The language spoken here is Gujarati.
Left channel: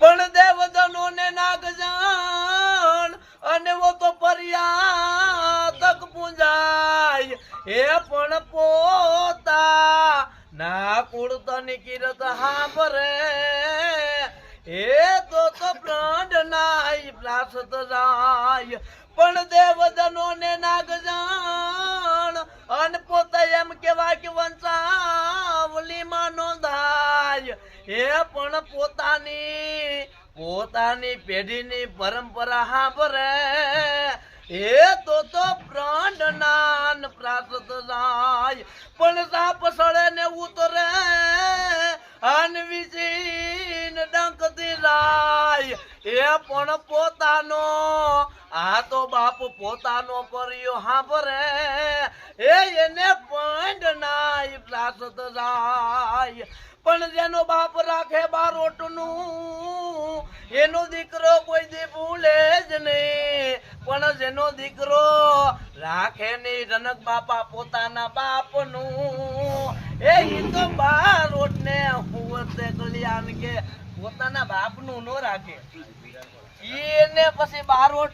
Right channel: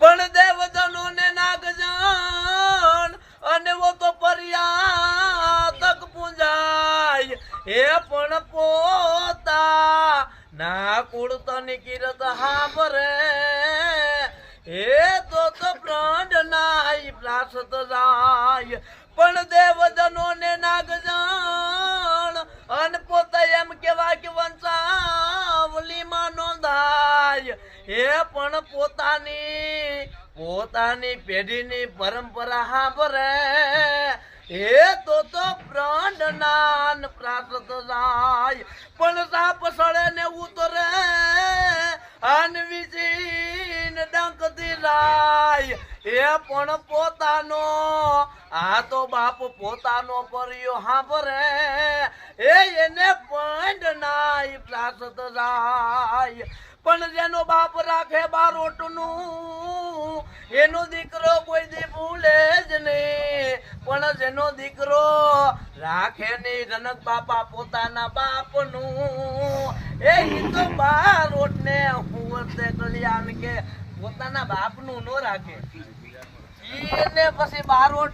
પણ દેવજનો ને નાગજન અને વો તો પરિયા તક પૂંજાય એ પણ પોતા ના કુળતની કિરત હાંભરે એ તો પ્રાણ નાય પ્રાસત જાય પણ દેવજનો ને નાગજન અને પોતા એમ કેવાય કે વંશાવલીમાં નોંધાય એ પણ પોતાની પેઢીની પરંપરા હાંભરે એ તો પ્રાણ નાન પ્રાસત જાય પણ સાપ સળે ને ઉતરે અન વિચીન ડંકતી જાય એ પણ પોતાનો આ તો બાપ પોતાનો કર્યો હાંભરે એને પંડ નાય પ્રાસત જાય પણ જેનો બાપ રાખે બારોટનું એનો દીકરો કોઈ દી ભૂલે જ નહીં પણ જેનો દીકરો રાખે નહીં જનક બાપા પોતાના બાપનું એ તો બારોટ ને હુંતે કલ્યાણ કે પોતાના બાપનું નો રાખે એને પછી બારોટ